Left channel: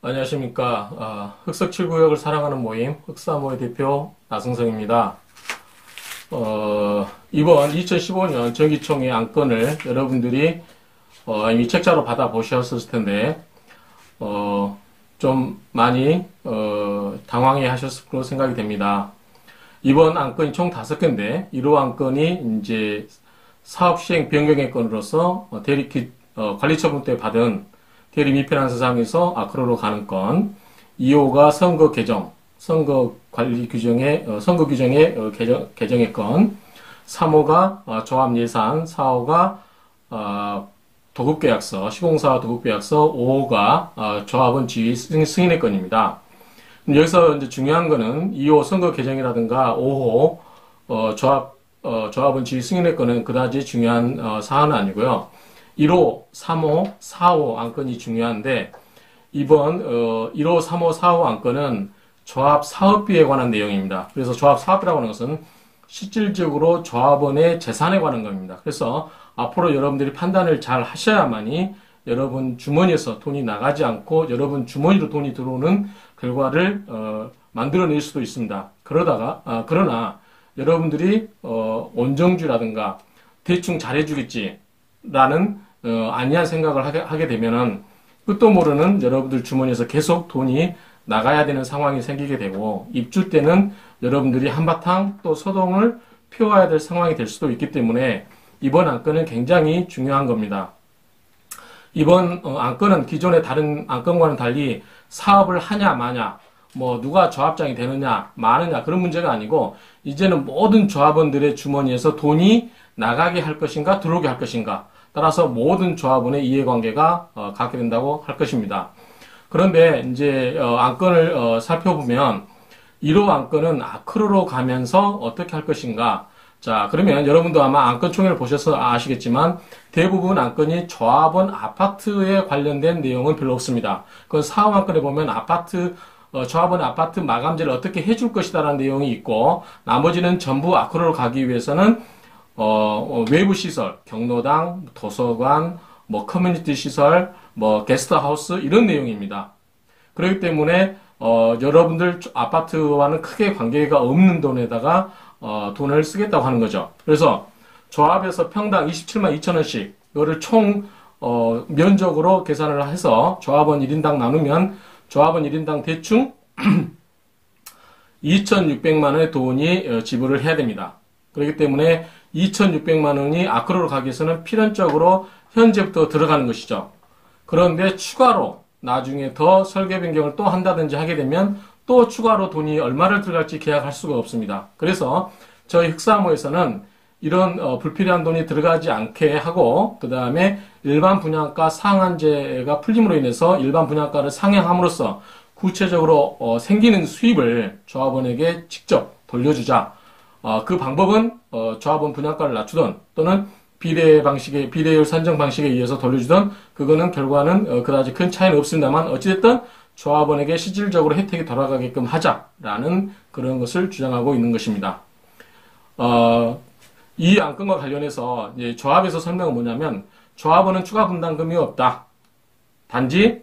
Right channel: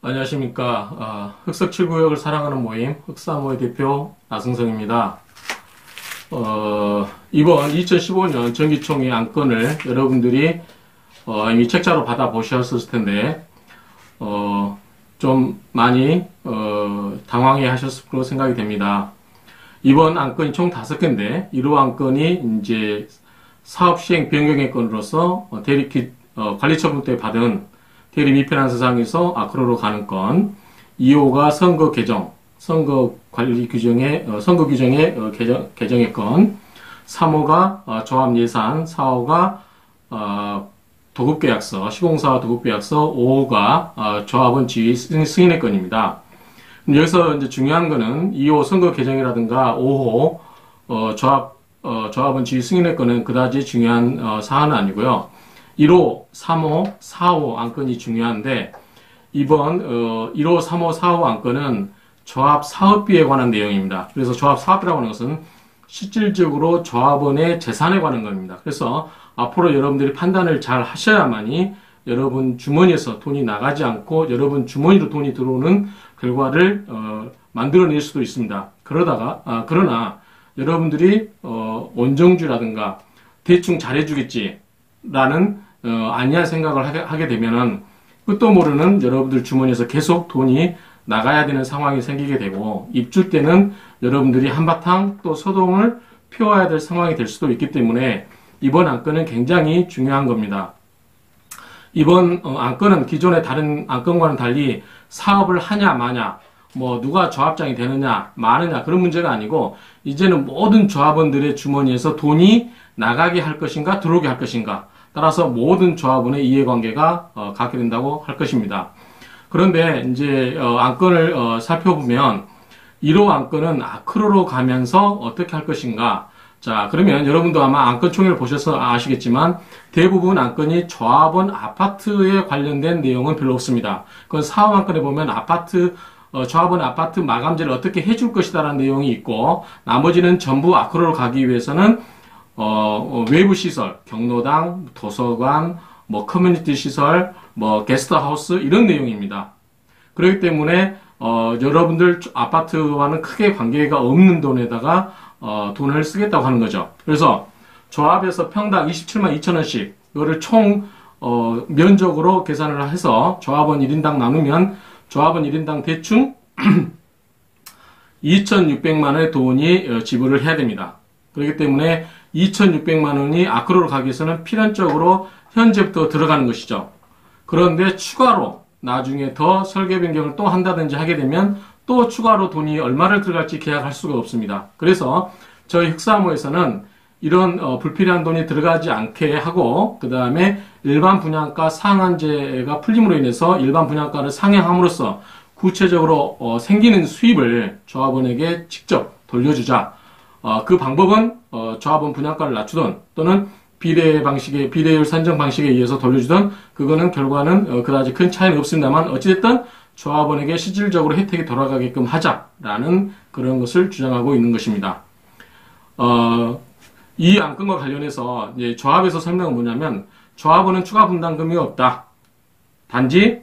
안녕하십니까. 흑석 7구역을 사랑하는 모임, 흑사모의 대표 나승성입니다. 이번 2015년 정기총회 안건을 여러분들이 이미 책자로 받아보셨을 텐데, 좀 많이 당황해 하셨을 거로 생각이 됩니다. 이번 안건이 총 5개인데, 1호 안건이 이제 사업 시행 변경의 건으로서 관리처분 때 받은 대리 미필한 사상에서 아크로로 가는 건, 2호가 선거 개정, 선거 관리 규정의, 선거 규정의 개정의 건, 3호가 조합 예산, 4호가 도급계약서, 시공사 도급계약서, 5호가 조합원 지위 승인의 건입니다. 여기서 이제 중요한 거는 2호 선거 개정이라든가 5호 조합원 지위 승인의 건은 그다지 중요한 사안은 아니고요. 1호, 3호, 4호 안건이 중요한데, 이번 1호, 3호, 4호 안건은 조합 사업비에 관한 내용입니다. 그래서 조합 사업비라고 하는 것은 실질적으로 조합원의 재산에 관한 겁니다. 그래서 앞으로 여러분들이 판단을 잘 하셔야만이 여러분 주머니에서 돈이 나가지 않고 여러분 주머니로 돈이 들어오는 결과를 만들어낼 수도 있습니다. 그러나 여러분들이 온정주라든가 대충 잘해주겠지라는 안이한 생각을 하게 되면은 끝도 모르는 여러분들 주머니에서 계속 돈이 나가야 되는 상황이 생기게 되고, 입주 때는 여러분들이 한바탕 또 소동을 피워야 될 상황이 될 수도 있기 때문에 이번 안건은 굉장히 중요한 겁니다. 이번 안건은 기존의 다른 안건과는 달리 사업을 하냐 마냐, 누가 조합장이 되느냐 마느냐 그런 문제가 아니고, 이제는 모든 조합원들의 주머니에서 돈이 나가게 할 것인가 들어오게 할 것인가, 따라서 모든 조합원의 이해관계가 갖게 된다고 할 것입니다. 그런데 이제 안건을 살펴보면 1호 안건은 아크로로 가면서 어떻게 할 것인가. 자, 그러면 여러분도 아마 안건 총회를 보셔서 아시겠지만 대부분 안건이 조합원 아파트에 관련된 내용은 별로 없습니다. 그건 사업 안건에 보면 조합원 아파트 마감재를 어떻게 해줄 것이다라는 내용이 있고, 나머지는 전부 아크로로 가기 위해서는 외부 시설, 경로당, 도서관, 커뮤니티 시설, 게스트하우스, 이런 내용입니다. 그렇기 때문에, 여러분들 아파트와는 크게 관계가 없는 돈에다가, 돈을 쓰겠다고 하는 거죠. 그래서 조합에서 평당 27만 2천원씩, 이거를 총, 면적으로 계산을 해서 조합원 1인당 나누면, 조합원 1인당 대충 2,600만 원의 돈이 지불을 해야 됩니다. 그렇기 때문에 2,600만 원이 아크로로 가기 위해서는 필연적으로 현재부터 들어가는 것이죠. 그런데 추가로 나중에 더 설계 변경을 또 한다든지 하게 되면 또 추가로 돈이 얼마를 들어갈지 계약할 수가 없습니다. 그래서 저희 흑사모에서는 이런 불필요한 돈이 들어가지 않게 하고, 그 다음에 일반 분양가 상한제가 풀림으로 인해서 일반 분양가를 상향함으로써 구체적으로 생기는 수입을 조합원에게 직접 돌려주자. 그 방법은 조합원 분양가를 낮추던 또는 비례율 산정 방식에 의해서 돌려주던, 그거는 결과는 그다지 큰 차이는 없습니다만 어찌됐든 조합원에게 실질적으로 혜택이 돌아가게끔 하자라는 그런 것을 주장하고 있는 것입니다. 이 안건과 관련해서 이제 조합에서 설명은 뭐냐면, 조합원은 추가 분담금이 없다. 단지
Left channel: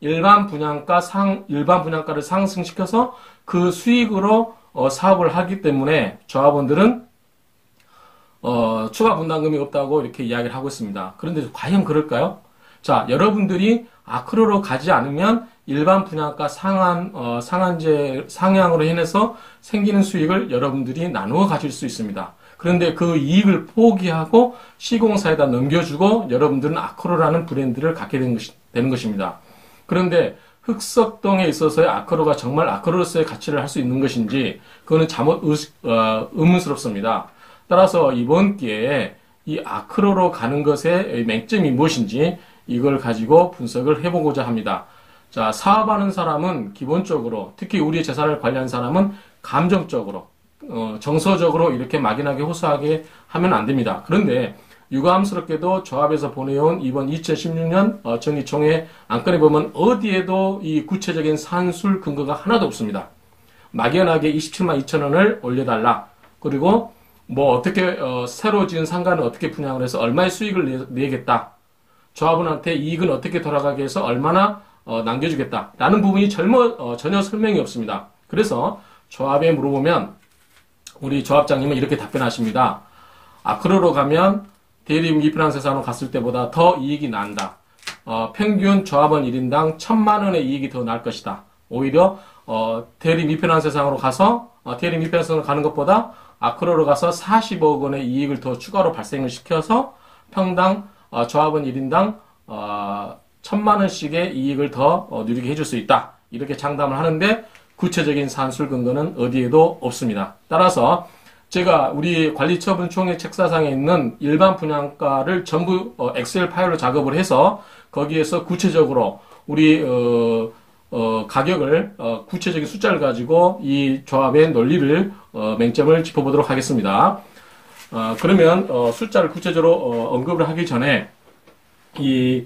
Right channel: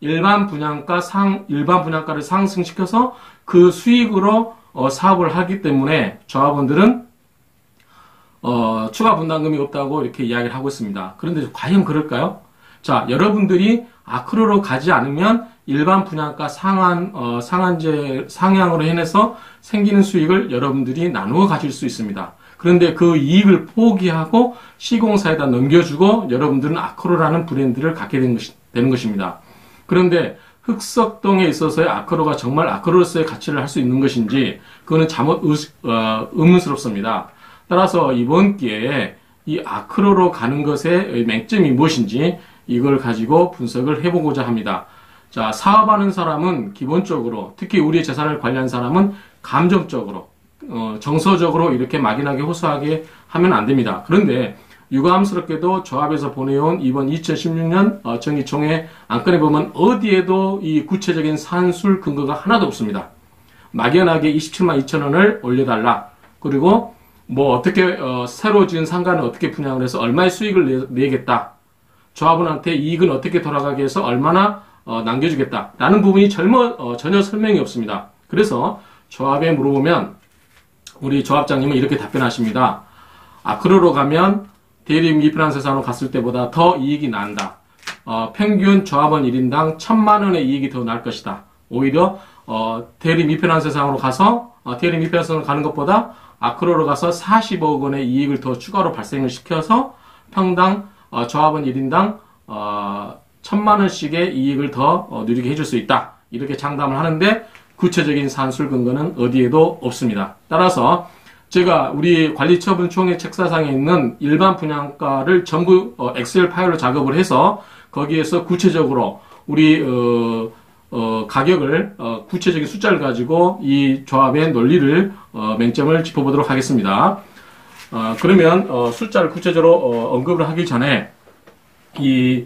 일반 분양가를 상승시켜서 그 수익으로 사업을 하기 때문에 조합원들은 추가 분담금이 없다고 이렇게 이야기를 하고 있습니다. 그런데 과연 그럴까요? 자, 여러분들이 아크로로 가지 않으면 일반 분양가 상한제 상향으로 인해서 생기는 수익을 여러분들이 나누어 가질 수 있습니다. 그런데 그 이익을 포기하고 시공사에다 넘겨주고 여러분들은 아크로라는 브랜드를 갖게 되는 것입니다. 그런데 흑석동에 있어서의 아크로가 정말 아크로로서의 가치를 할 수 있는 것인지, 그거는 잘못 의문스럽습니다. 따라서 이번 기회에 이 아크로로 가는 것의 맹점이 무엇인지 이걸 가지고 분석을 해보고자 합니다. 자, 사업하는 사람은 기본적으로, 특히 우리의 재산을 관리하는 사람은 감정적으로, 정서적으로 이렇게 막연하게 호소하게 하면 안 됩니다. 그런데 유감스럽게도 조합에서 보내온 이번 2016년 정기총회 안건에 보면 어디에도 이 구체적인 산술 근거가 하나도 없습니다. 막연하게 27만 2천 원을 올려달라. 그리고 어떻게 새로 지은 상가는 어떻게 분양을 해서 얼마의 수익을 내겠다. 조합원한테 이익은 어떻게 돌아가게 해서 얼마나 남겨주겠다라는 부분이 전혀 설명이 없습니다. 그래서 조합에 물어보면 우리 조합장님은 이렇게 답변하십니다. 아크로로 가면 대리 미피난세산으로 갔을 때보다 더 이익이 난다. 평균 조합원 1인당 1,000만 원의 이익이 더 날 것이다. 오히려 대리 미피난세상으로 가서 대리 미피난세상으로 가는 것보다 아크로로 가서 40억 원의 이익을 더 추가로 발생을 시켜서 평당 조합원 1인당 1,000만 원씩의 이익을 더 누리게 해줄 수 있다. 이렇게 장담을 하는데 구체적인 산술 근거는 어디에도 없습니다. 따라서 제가 우리 관리처분총회 책사상에 있는 일반 분양가를 전부 엑셀 파일로 작업을 해서 거기에서 구체적으로 우리 가격을 구체적인 숫자를 가지고 이 조합의 논리를 맹점을 짚어보도록 하겠습니다. 그러면 숫자를 구체적으로 언급을 하기 전에 이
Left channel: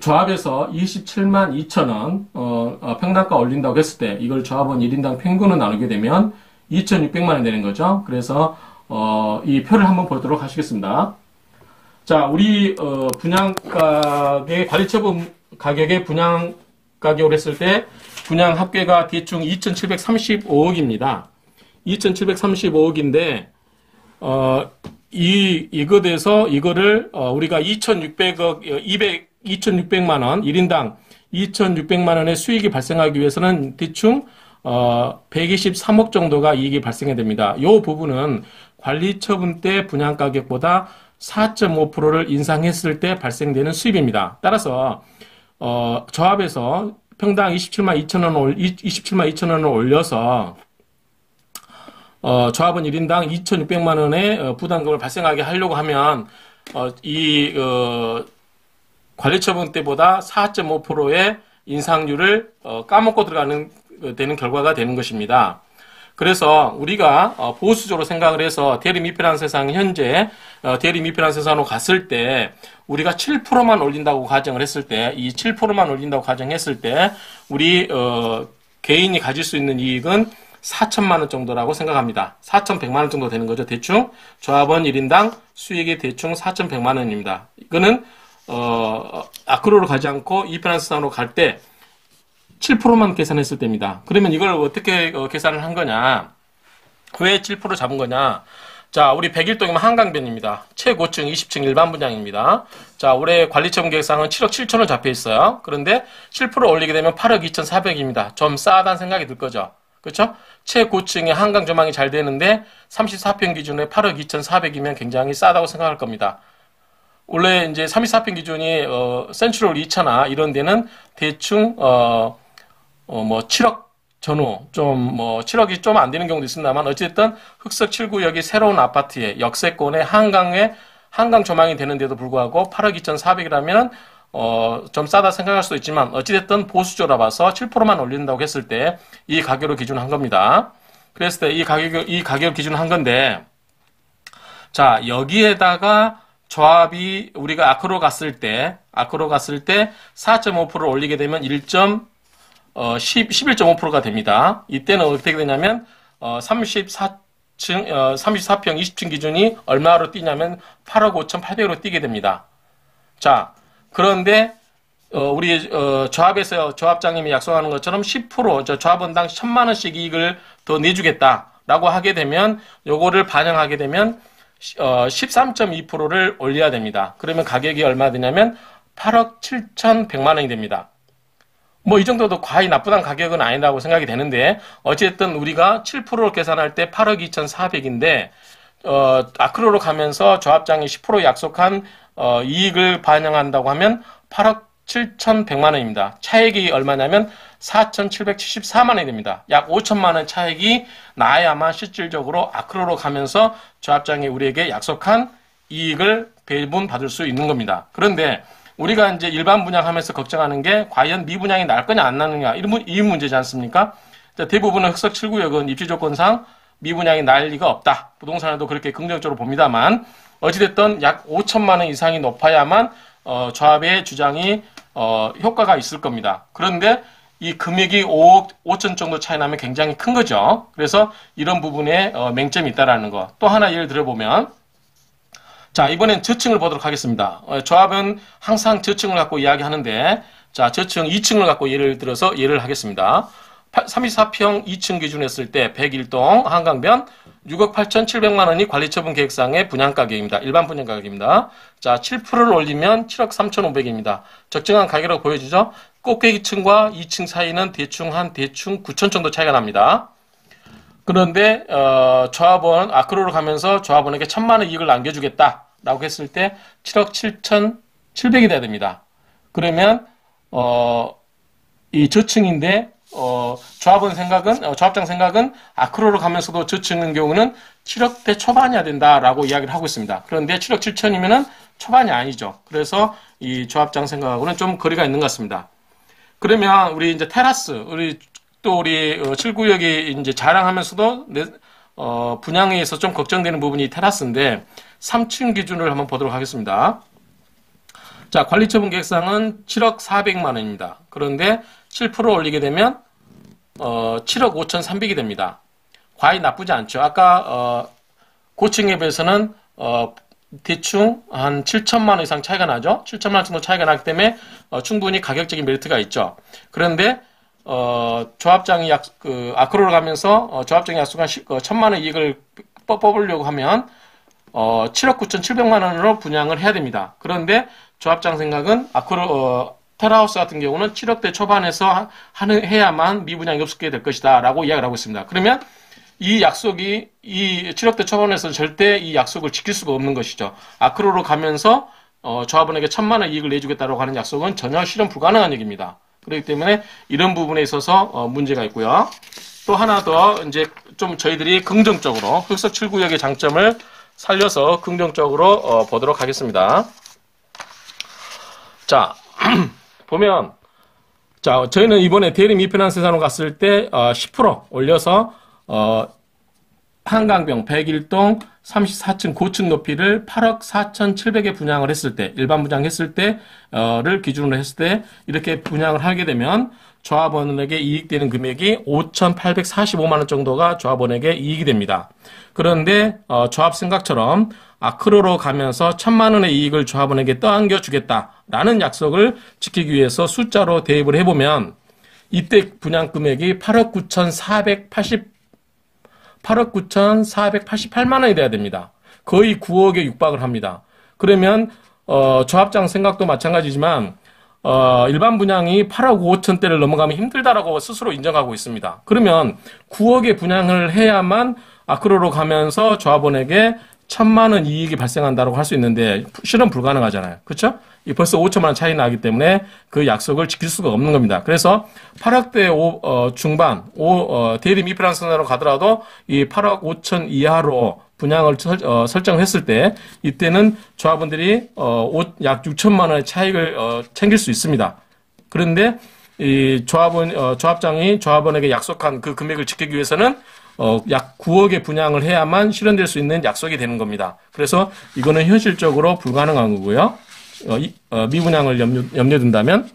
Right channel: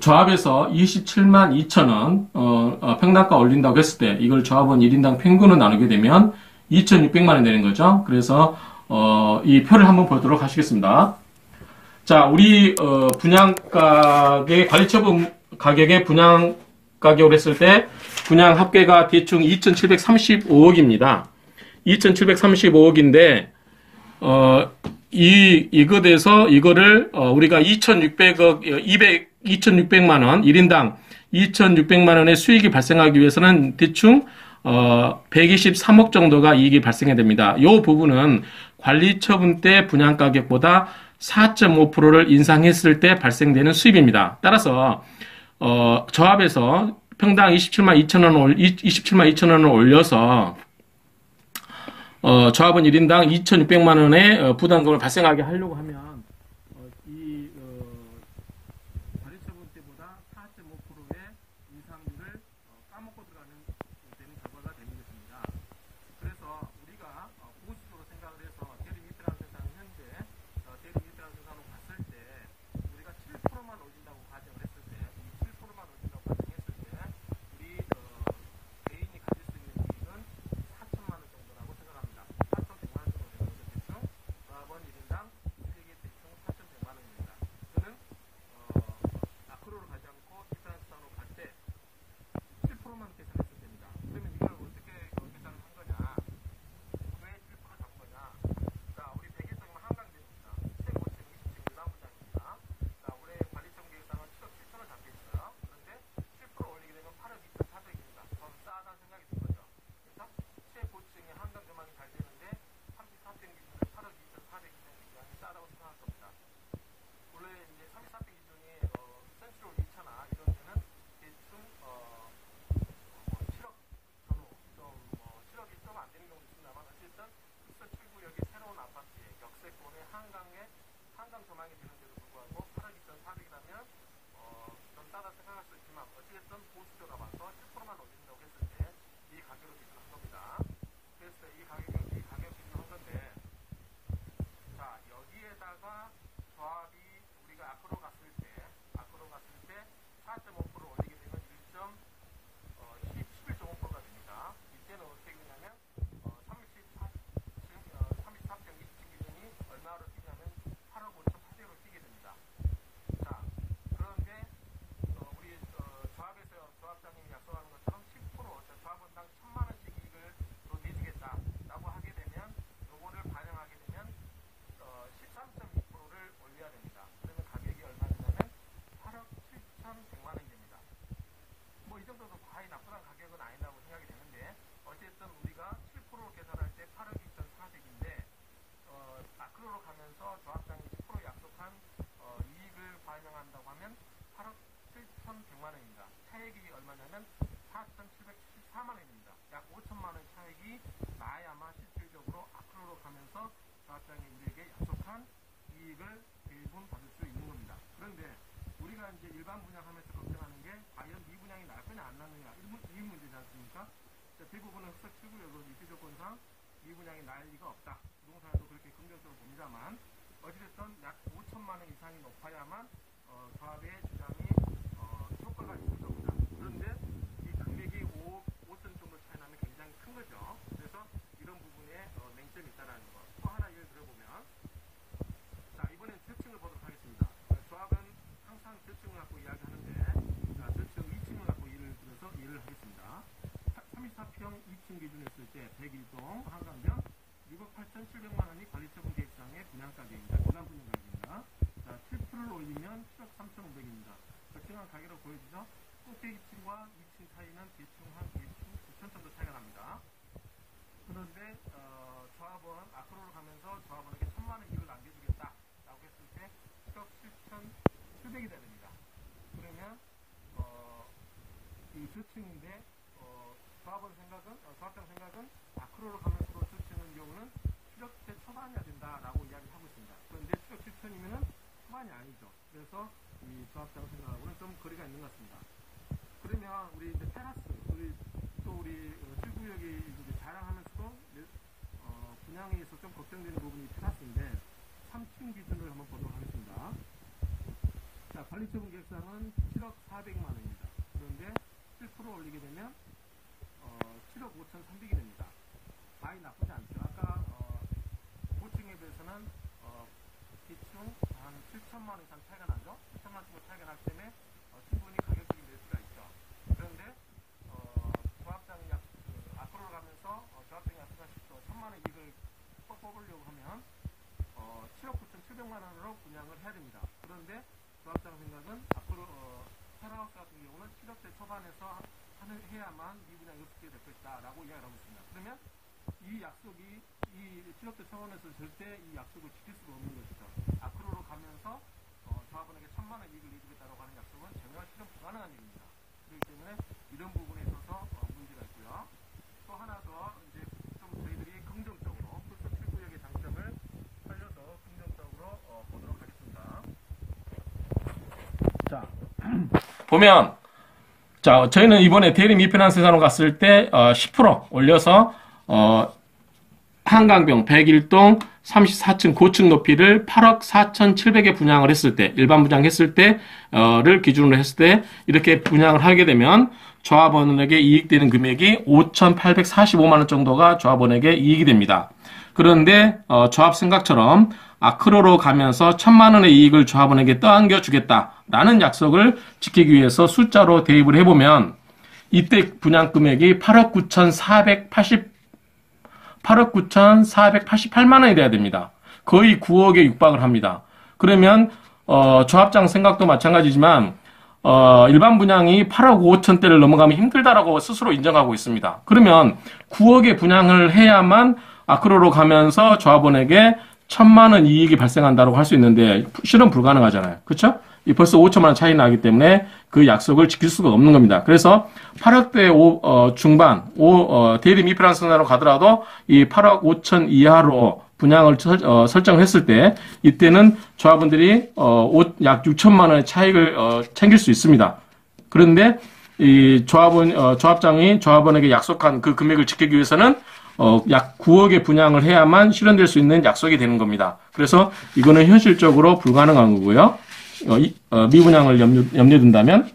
조합에서 272,000원 평당가 올린다고 했을 때 이걸 조합원 1인당 평균으로 나누게 되면 2,600만 원 되는 거죠. 그래서 이 표를 한번 보도록 하시겠습니다. 자, 우리 분양가의 관리처분 가격의 분양 가격을 했을 때 분양 합계가 대충 2,735억입니다. 2,735억인데 이것에서 이거를 우리가 2,600만 원 1인당 2,600만 원의 수익이 발생하기 위해서는 대충 123억 정도가 이익이 발생해야 됩니다. 이 부분은 관리처분 때 분양가격보다 4.5%를 인상했을 때 발생되는 수입입니다. 따라서 조합에서 평당 27만 2천 원을 올려서 조합원 1인당 2,600만 원의 부담금을 발생하게 하려고 하면 이 관리처분 때보다 4.5%의 인상률을 까먹고 되는 결과가 되는 것입니다. 그래서 우리가 보수적으로 생각을 해서 대리 미필환세상 현재 대리 미필환세상으로 갔을 때 우리가 7%만 올린다고 가정을 했을 때 이 7%만 올린다고 가정했을 때 우리 개인이 가질 수 있는 이익은 4천만 원 정도라고 생각합니다. 4,100만 원 정도 되는 거죠. 대충 조합원 1인당 수익이 대충 4,100만 원입니다. 이거는 아크로로 가지 않고 이피난스상으로 갈 때 7%만 계산했을 때입니다. 그러면 이걸 어떻게 계산을 한 거냐? 왜 7% 잡은 거냐? 자, 우리 101동이면 한강변입니다. 최고층 20층 일반 분양입니다. 자, 올해 관리처분 계획상은 7억 7천원 잡혀 있어요. 그런데 7% 올리게 되면 8억 2,400입니다. 좀 싸다는 생각이 들 거죠. 그렇죠? 최고층에 한강 조망이 잘 되는데 34평 기준에 8억 2,400이면 굉장히 싸다고 생각할 겁니다. 원래 이제 34평 기준이 센트럴 2차나 이런 데는 대충 뭐 7억 전후 좀 7억이 좀 안 되는 경우도 있습니다만 어쨌든 흑석 7구역이 새로운 아파트에 역세권에 한강 조망이 되는데도 불구하고 8억 2,400이라면 좀 싸다 생각할 수도 있지만 어찌됐든 보수적으로 봐서 7%만 올린다고 했을 때 이 가격으로 기준한 겁니다. 그랬을 때 이 가격을 기준한 건데 자, 여기에다가 조합이 우리가 아크로 갔을 때 4.5%를 올리게 되면 11.5%가 됩니다. 이때는 어떻게 되냐면 34평 20층 기준이 얼마로 뛰냐면 8억 5,800으로 뛰게 됩니다. 자, 그런데 우리 조합에서 조합장님이 약속하는 것처럼 10% 조합원당 1,000만 원씩 이익을 더 내주겠다라고 하게 되면 요거를 반영하게 되면 13.2%를 올려야 됩니다. 그러면 가격이 얼마 되냐면 8억 7,100만 원이 됩니다. 뭐 이 정도도 과히 나쁘다는 가격은 아니라고 생각이 되는데 어쨌든 우리가 7%를 계산할 때 8억 2,400인데 아크로로 가면서 조합장이 10% 약속한 이익을 반영한다고 하면 8억 7,100만 원입니다. 차액이 얼마냐면 4,774만 원이 됩니다. 약 5천만 원 차액이 나야만 실질적으로 아크로로 가면서 조합장이 우리에게 약속한 이익을 배분받을 수 있는 겁니다. 그런데 우리가 이제 일반 분양하면서 걱정하는 게 과연 미분양이 날 거냐 안 나느냐 이 문제지 않습니까? 대부분의 흑석 7구역은 입지조건상 미분양이 날 리가 없다. 부동산에도 그렇게 긍정적으로 봅니다만 어찌됐든 약 5천만 원 이상이 높아야만 조합의 주장이 효과가 있을 겁니다. 그런데 이 금액이 5억 5천 정도 차이 나면 굉장히 큰 거죠. 그래서 이런 부분에 맹점이 있다라는 거. 또 하나 예를 들어보면 자, 이번엔 저층을 보도록 하겠습니다. 조합은 항상 저층을 갖고 이야기하는데 자, 저층 2층을 갖고 예를 들어서 예를 하겠습니다. 34평 2층 기준 했을 때 101동 한강변 6억 8,700만 원이 관리처분 계획상의 분양가격입니다. 일반 분양가격입니다. 자, 7%를 올리면 7억 3,500입니다. 적정한 가격으로 보여주죠. 꼭대기층과 2층 사이는 대충 9천 정도 차이가 납니다. 그런데 조합원 아크로로 가면서 조합원에게 1,000만 원 이익을 남겨주겠다라고 했을 때 7억 7,700이 돼야 됩니다. 그러면 이 저층인데 조합장 생각은 아크로로 가면서도 저층인 경우는 7억대 초반이어야 된다라고 이야기를 하고 있습니다. 그런데 7억 7천이면은 초반이 아니죠. 그래서 이 조합장 생각하고는 좀 거리가 있는 것 같습니다. 그러면 우리 이제 테라스, 우리 7구역이 이제 자랑하면서도 분양에 의해서 좀 걱정되는 부분이 테라스인데 3층 기준을 한번 보도록 하겠습니다. 자, 관리처분 계획상은 7억 400만 원입니다. 그런데 7% 올리게 되면 7억 5,300이 됩니다. 과히 나쁘지 않죠. 아까 고층에 비해서는 대충 한 7천만 원 이상 차이가 나죠. 7천만 원 정도 차이가 나기 때문에 충분히 가격적인 메리트가 있죠. 그런데 조합장이 아크로로 가면서 조합장이 약속한 1,000만 원 이익을 뽑으려고 하면 7억 9,700만 원으로 분양을 해야 됩니다. 그런데 조합장 생각은 테라하우스 같은 경우는 7억대 초반에서 해야만 미분양이 없게 될 것이다 라고 이야기를 하고 있습니다. 그러면 이 약속이 이 7억대 초반에서 절대 이 약속을 지킬 수가 없는 것이죠. 아크로로 가면서 조합원에게 1,000만 원 이익을 내주겠다고 하는 약속은 전혀 실현 불가능한 얘기입니다. 그렇기 때문에 이런 부분에 있어서 문제가 있고요. 또 하나 더 이제 좀 저희들이 긍정적으로 흑석 7구역의 장점을 살려서 긍정적으로 보도록 하겠습니다. 자, 보면 자, 저희는 이번에 대리 미피난세산으로 갔을 때 10% 올려서 한강병 101동 34층 고층 높이를 8억 4,700에 분양을 했을 때, 일반 분양했을 때를 기준으로 했을 때 이렇게 분양을 하게 되면 조합원에게 이익되는 금액이 5,845만 원 정도가 조합원에게 이익이 됩니다. 그런데 조합 생각처럼 아크로로 가면서 1,000만 원의 이익을 조합원에게 떠안겨주겠다라는 약속을 지키기 위해서 숫자로 대입을 해보면 이때 분양 금액이 8억 9,488만 원이 돼야 됩니다. 거의 9억에 육박을 합니다. 그러면 조합장 생각도 마찬가지지만 일반 분양이 8억 5천대를 넘어가면 힘들다라고 스스로 인정하고 있습니다. 그러면 9억의 분양을 해야만 아크로로 가면서 조합원에게 1,000만 원 이익이 발생한다고 할 수 있는데 실현 불가능하잖아요. 그렇죠? 벌써 5천만 원 차이 나기 때문에 그 약속을 지킬 수가 없는 겁니다. 그래서 8억대 중반, 대리 미피난세산으로 가더라도 이 8억 5천 이하로 분양을 설정했을 때 이때는 조합원들이 약 6천만 원의 차익을 챙길 수 있습니다. 그런데 이 조합장이 조합원에게 약속한 그 금액을 지키기 위해서는 약 9억의 분양을 해야만 실현될 수 있는 약속이 되는 겁니다. 그래서 이거는 현실적으로 불가능한 거고요. 미분양을 염려에 둔다면.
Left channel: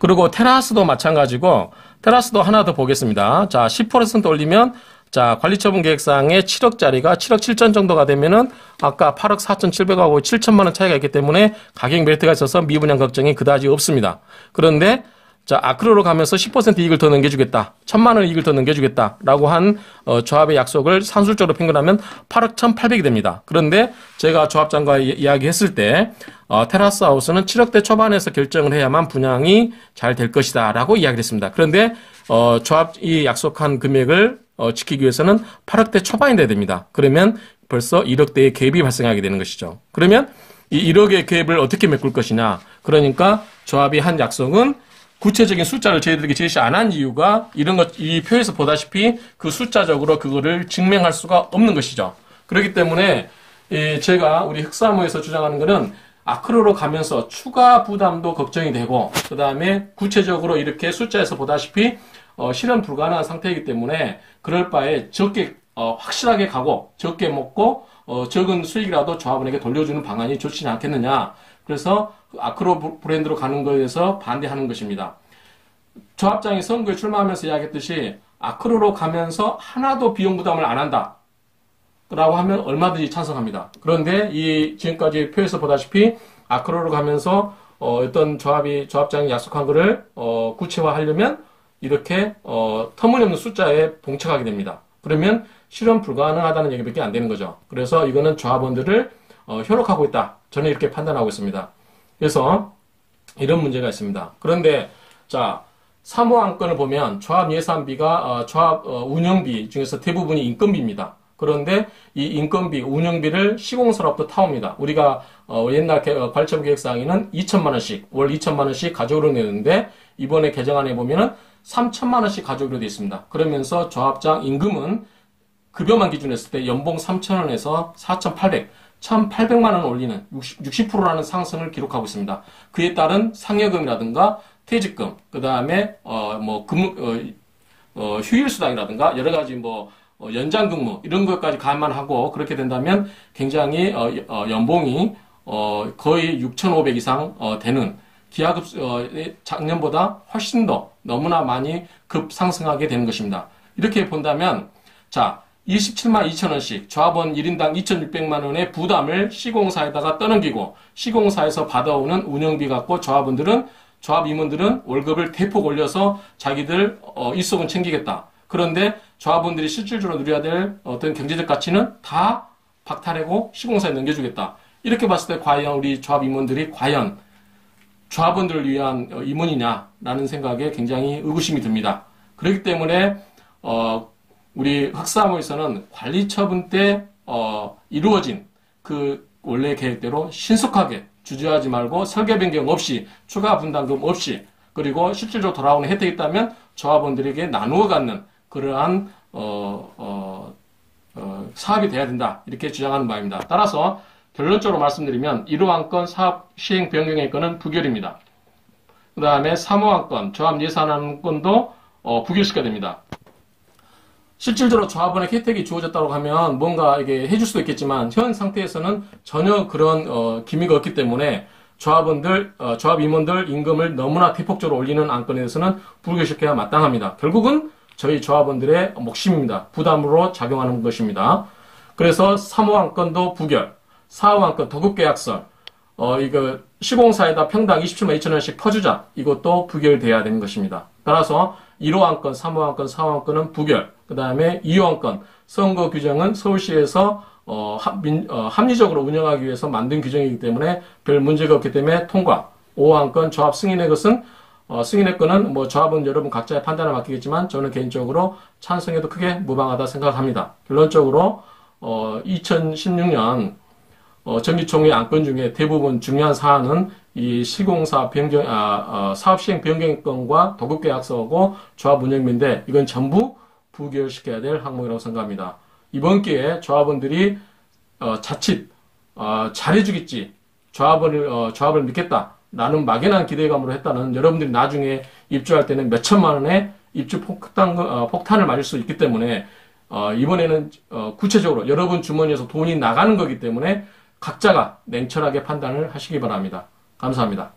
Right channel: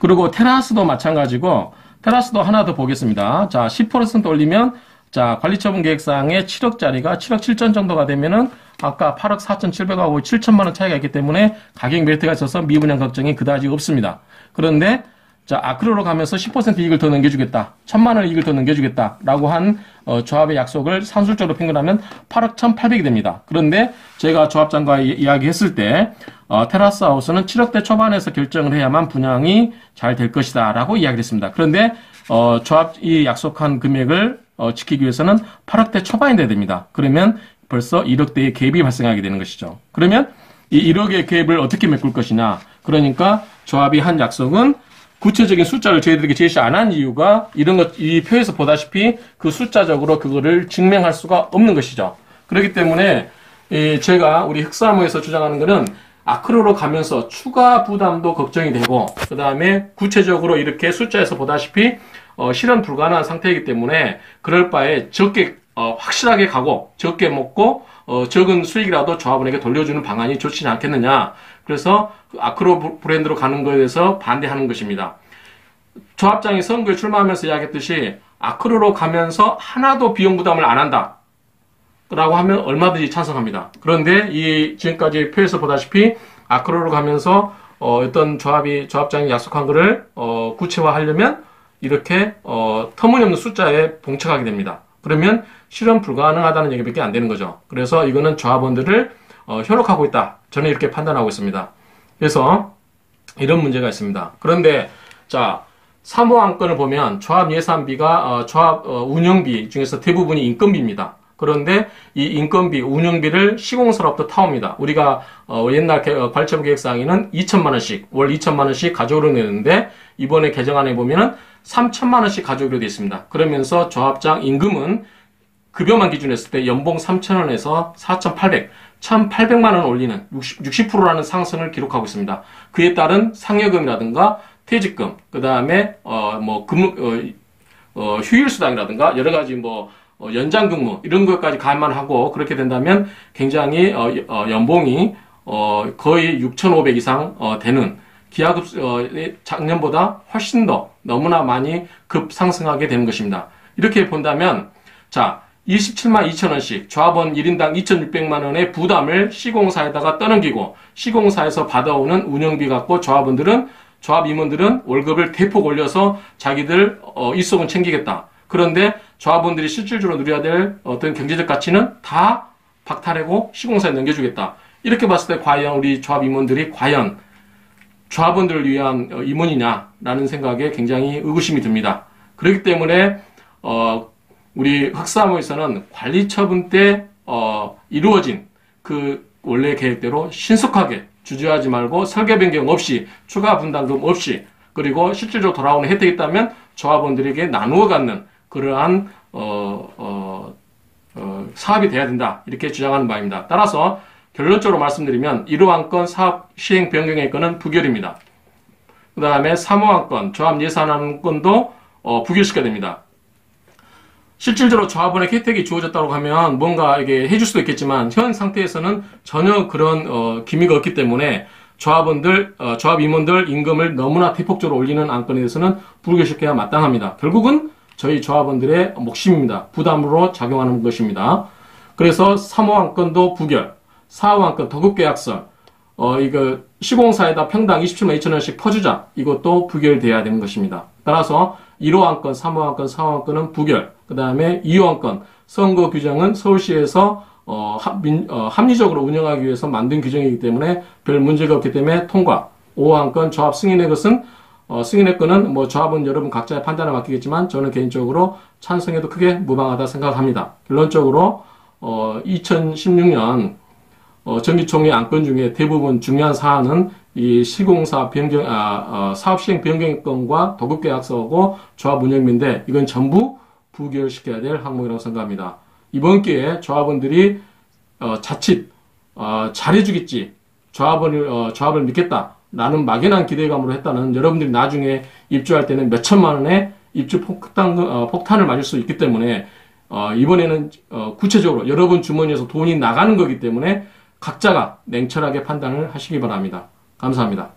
그리고 테라스도 마찬가지고, 테라스도 하나 더 보겠습니다. 자, 10% 올리면, 자, 관리처분 계획상에 7억짜리가 7억 7천 정도가 되면은, 아까 8억 4,700하고 7천만 원 차이가 있기 때문에 가격 메리트가 있어서 미분양 걱정이 그다지 없습니다. 그런데, 자, 아크로로 가면서 10% 이익을 더 넘겨주겠다. 1,000만 원 이익을 더 넘겨주겠다. 라고 한 조합의 약속을 산술적으로 평균하면 8억 1,800이 됩니다. 그런데 제가 조합장과 이야기했을 때 테라스 하우스는 7억대 초반에서 결정을 해야만 분양이 잘 될 것이다. 라고 이야기를 했습니다. 그런데 조합이 약속한 금액을 지키기 위해서는 8억대 초반이 돼야 됩니다. 그러면 벌써 1억대의 갭이 발생하게 되는 것이죠. 그러면 이 1억의 갭을 어떻게 메꿀 것이냐. 그러니까 조합이 한 약속은 구체적인 숫자를 저희들에게 제시 안 한 이유가 이 표에서 보다시피 그 숫자적으로 그거를 증명할 수가 없는 것이죠. 그렇기 때문에 제가 우리 흑사무에서 주장하는 것은 아크로로 가면서 추가 부담도 걱정이 되고 그 다음에 구체적으로 이렇게 숫자에서 보다시피 실현 불가능한 상태이기 때문에 그럴 바에 적게 확실하게 가고 적게 먹고 적은 수익이라도 조합원에게 돌려주는 방안이 좋지 않겠느냐. 그래서 아크로 브랜드로 가는 거에 대해서 반대하는 것입니다. 조합장이 선거에 출마하면서 이야기했듯이 아크로로 가면서 하나도 비용 부담을 안 한다. 라고 하면 얼마든지 찬성합니다. 그런데 지금까지 표에서 보다시피 아크로로 가면서 어떤 조합장이 약속한 거를, 구체화하려면, 이렇게, 터무니없는 숫자에 봉착하게 됩니다. 그러면 실현 불가능하다는 얘기밖에 안 되는 거죠. 그래서 이거는 조합원들을, 현혹하고 있다. 저는 이렇게 판단하고 있습니다. 그래서, 이런 문제가 있습니다. 그런데, 자, 사무안건을 보면 조합 예산비가 조합 운영비 중에서 대부분이 인건비입니다. 그런데 이 인건비, 운영비를 시공사로부터 타옵니다. 우리가 옛날 관리처분 계획상에는 2천만 원씩, 월 2천만 원씩 가져오려 내는데 이번에 개정안에 보면은 3천만 원씩 가져오기로 되어 있습니다. 그러면서 조합장 임금은 급여만 기준했을 때 연봉 3,000원에서 4,800, 1,800만 원 올리는 60%라는 상승을 기록하고 있습니다. 그에 따른 상여금이라든가 퇴직금, 그 다음에, 휴일수당이라든가, 여러 가지 연장근무, 이런 것까지 감안하고, 그렇게 된다면 굉장히, 연봉이, 거의 6,500 이상, 되는, 기하급, 작년보다 훨씬 더 너무나 많이 급상승하게 되는 것입니다. 이렇게 본다면, 자, 27만 2천원씩 조합원 1인당 2,600만 원의 부담을 시공사에다가 떠넘기고, 시공사에서 받아오는 운영비 갖고 조합 임원들은 월급을 대폭 올려서 자기들 일속은 챙기겠다. 그런데 조합원들이 실질적으로 누려야 될 어떤 경제적 가치는 다 박탈하고 시공사에 넘겨주겠다. 이렇게 봤을 때 과연 우리 조합 임원들이 과연 조합원들을 위한 임원이냐라는 생각에 굉장히 의구심이 듭니다. 그렇기 때문에 우리 흑사무에서는 관리처분 때 이루어진 그 원래 계획대로 신속하게 주저하지 말고 설계 변경 없이 추가 분담금 없이 그리고 실질적으로 돌아오는 혜택이 있다면 조합원들에게 나누어 갖는 그러한 사업이 돼야 된다 이렇게 주장하는 바입니다. 따라서 결론적으로 말씀드리면 1호 안건 사업 시행 변경의 건은 부결입니다. 그 다음에 3호 안건 조합 예산안 건도 부결시켜야 됩니다. 실질적으로 조합원에게 혜택이 주어졌다고 하면 뭔가 이게 해줄 수도 있겠지만 현 상태에서는 전혀 그런 기미가 없기 때문에 조합 임원들 임금을 너무나 대폭적으로 올리는 안건에 대해서는 부결시켜야 마땅합니다. 결국은 저희 조합원들의 몫입니다. 부담으로 작용하는 것입니다. 그래서 3호 안건도 부결, 4호 안건 더급계약설, 이거 시공사에다 평당 27만 2천 원씩 퍼주자 이것도 부결돼야 되는 것입니다. 따라서 1호 안건, 3호 안건, 4호 안건은 부결, 그 다음에 2호 안건 선거 규정은 서울시에서 합리적으로 운영하기 위해서 만든 규정이기 때문에 별 문제가 없기 때문에 통과. 5호 안건 조합 승인의 것은 승인의 건은 조합은 여러분 각자의 판단을 맡기겠지만 저는 개인적으로 찬성해도 크게 무방하다 생각합니다. 결론적으로 2016년 정기총회 안건 중에 대부분 중요한 사안은 이 시공사 변경, 사업 시행 변경 건과 도급계약서하고 조합 운영비인데 이건 전부 부결시켜야 될 항목이라고 생각합니다. 이번 기회에 조합원들이 자칫 잘해주겠지, 조합을 믿겠다라는 막연한 기대감으로 했다는 여러분들이 나중에 입주할 때는 몇 천만 원의 입주 폭탄을 맞을 수 있기 때문에 이번에는 구체적으로 여러분 주머니에서 돈이 나가는 거기 때문에 각자가 냉철하게 판단을 하시기 바랍니다. 감사합니다.